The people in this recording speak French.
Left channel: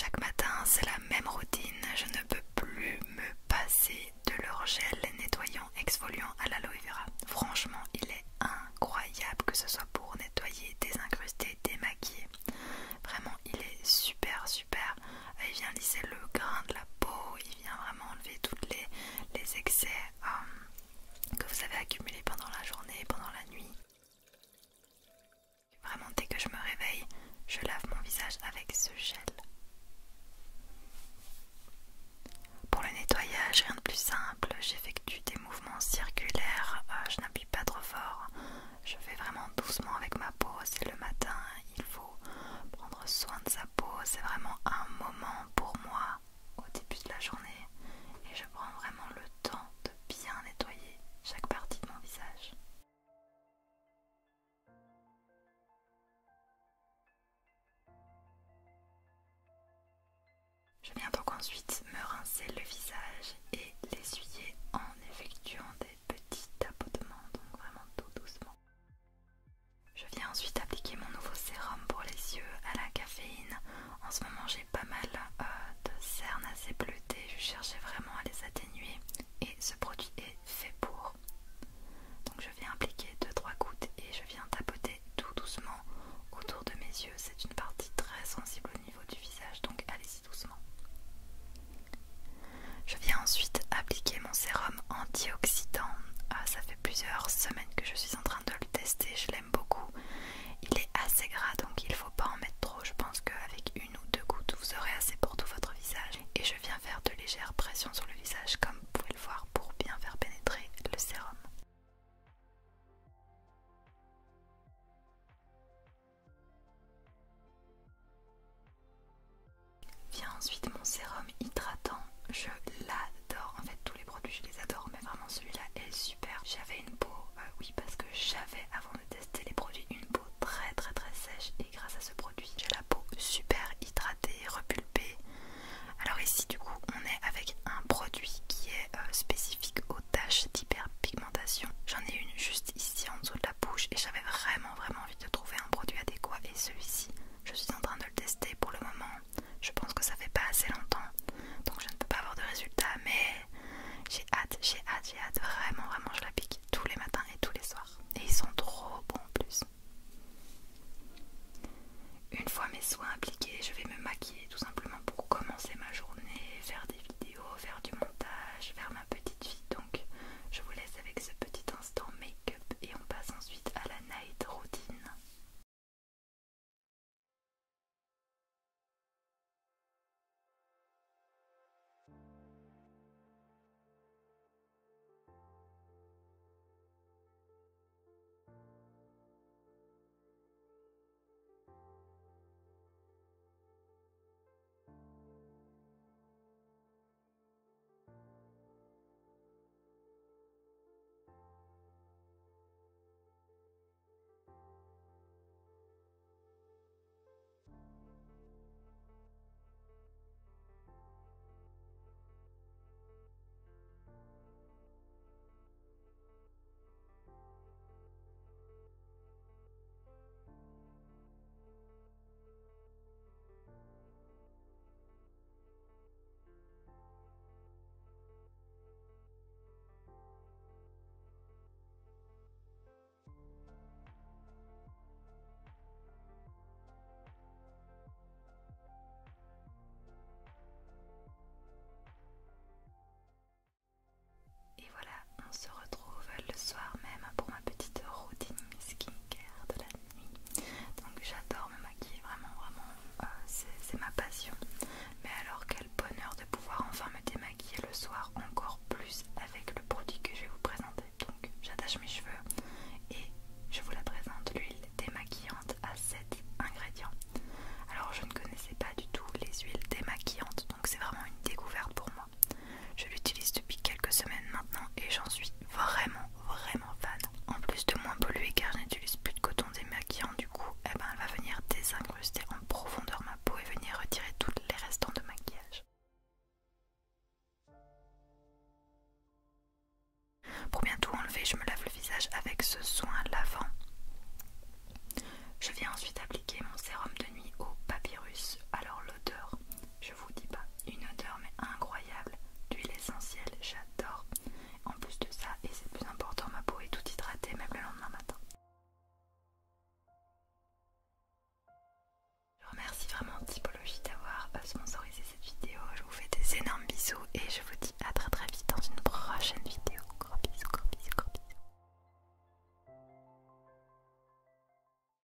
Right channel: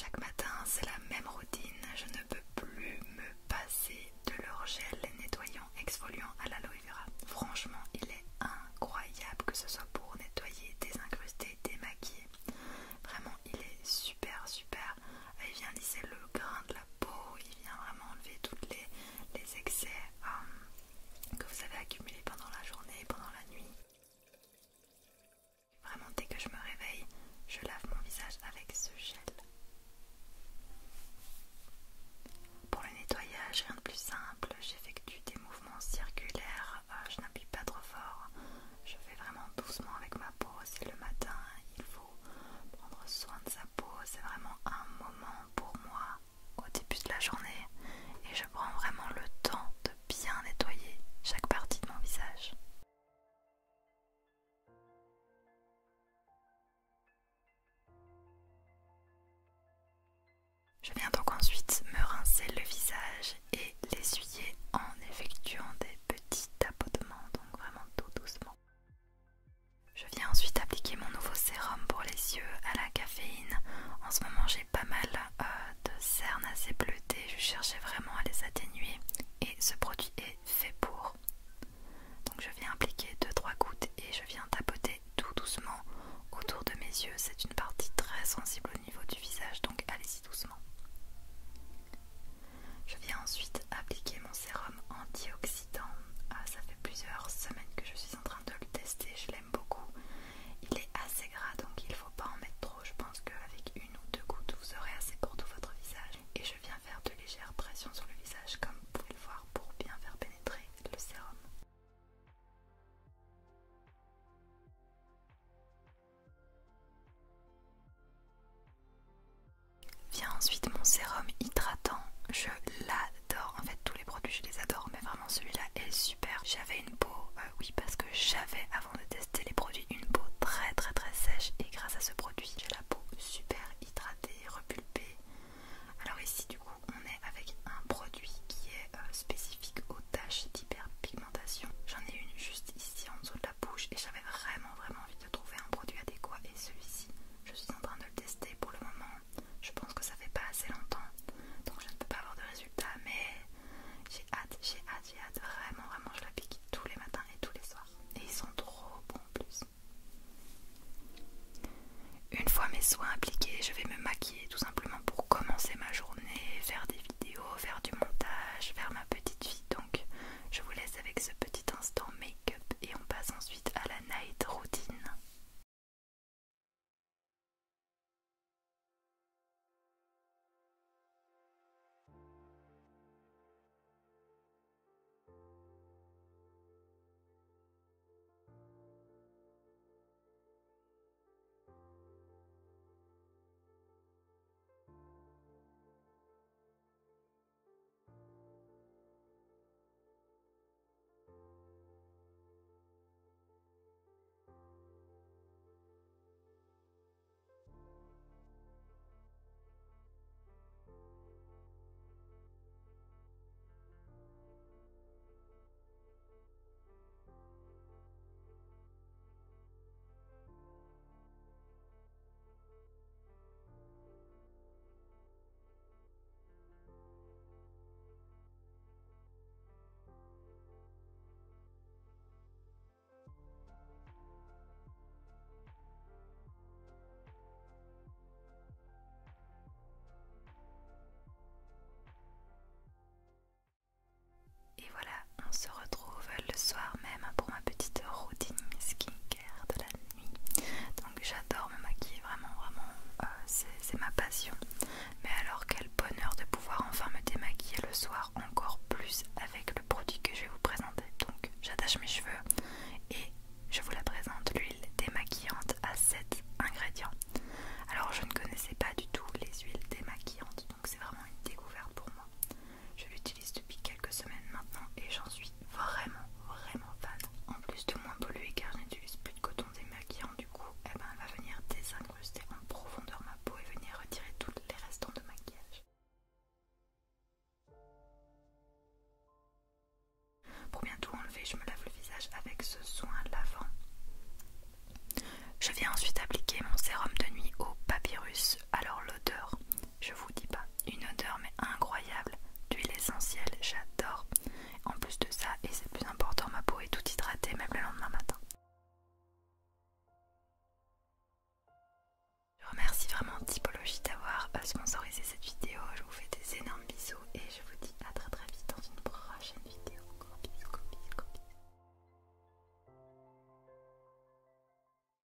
Chaque matin, c'est la même routine. Je ne peux plus me passer de leur gel nettoyant exfoliant à l'aloe vera. Franchement, il est incroyable, que ce soit pour nettoyer, désincruster, démaquiller. Vraiment, il est super super. Il vient lisser le grain de la peau, il vient vraiment enlever tous les excès que vous avez accumulés pendant la journée, pendant la nuit. Vraiment, dès que je me réveille, je lave mon visage avec ce gel. Pour le nettoyage, rien de plus simple, j'effectue des mouvements circulaires, je n'appuie pas trop fort, je fais vraiment doucement avec ma peau. C'est le matin, il faut prendre soin de sa peau, c'est vraiment un moment pour moi au début de la journée et je prends vraiment le temps de bien nettoyer chaque partie de mon visage. Je viens donc ensuite me rincer le visage et l'essuyer en effectuant des petits tapotements, donc vraiment tout doucement. Je viens ensuite appliquer mon nouveau sérum pour les yeux à la caféine. En ce moment j'ai pas mal de cernes assez bleutées, je cherchais vraiment à les atténuer et ce produit est fait pour. Donc je viens appliquer 2-3 gouttes et je viens tapoter tout doucement autour de mes yeux. C'est une partie très sensible au niveau du visage, donc allez-y doucement. Je viens ensuite appliquer mon sérum antioxydant. Ça fait plusieurs semaines que je suis en train de le tester, je l'aime beaucoup. Il est assez gras donc il ne faut pas en mettre trop. Je pense qu'avec 1 ou 2 gouttes vous aurez assez pour tout votre visage. Et je viens faire de légères pressions sur le visage comme vous pouvez le voir pour bien faire pénétrer le sérum. Vient ensuite mon sérum hydratant. Je l'adore, en fait tous les produits je les adore, mais vraiment celui-là est super. J'avais une peau, oui parce que j'avais avant de tester les produits une peau très sèche et grâce à ce produit j'ai la peau super hydratée, repulpée. Alors ici du coup on est avec un produit qui est spécifique aux taches d'hyperpigmentation. J'en ai une juste ici en dessous de la bouche et j'avais vraiment envie de trouver un produit adéquat et celui-ci je suis en train de le tester pour le moment. Je pense que ça fait pas assez longtemps donc je ne peux pas avoir de résultats, mais j'ai hâte, vraiment je l'applique tous les matins et tous les soirs et ils sont trop bons en plus. Une fois mes soins appliqués, je vais me maquiller tout simplement pour commencer ma journée, faire des vidéos, faire du montage, faire ma petite vie. Donc je vous laisse avec ce petit instant make-up et on passe ensuite à la night routine. Et voilà, on se retrouve le soir même pour ma petite routine skincare de la nuit. Donc j'adore me maquiller, vraiment, c'est ma passion. Mais alors quel bonheur de pouvoir enfin me démaquiller le soir encore plus avec le produit que je vais vous présenter. Donc j'attache mes cheveux et je vous la présente, l'huile démaquillante à 7 ingrédients. Alors je ne connaissais pas du tout les huiles démaquillantes, donc c'est vraiment une découverte pour moi. Je l'utilise depuis quelques semaines maintenant et j'en suis vraiment fan. En plus de moins polluer car je n'utilise plus de coton démaquillant, du coup elle va venir désincruster en profondeur ma peau et venir retirer tous les restants de maquillage. Pour bien tout enlever, je me lave le visage avec ce soin lavant. Je viens ensuite appliquer mon sérum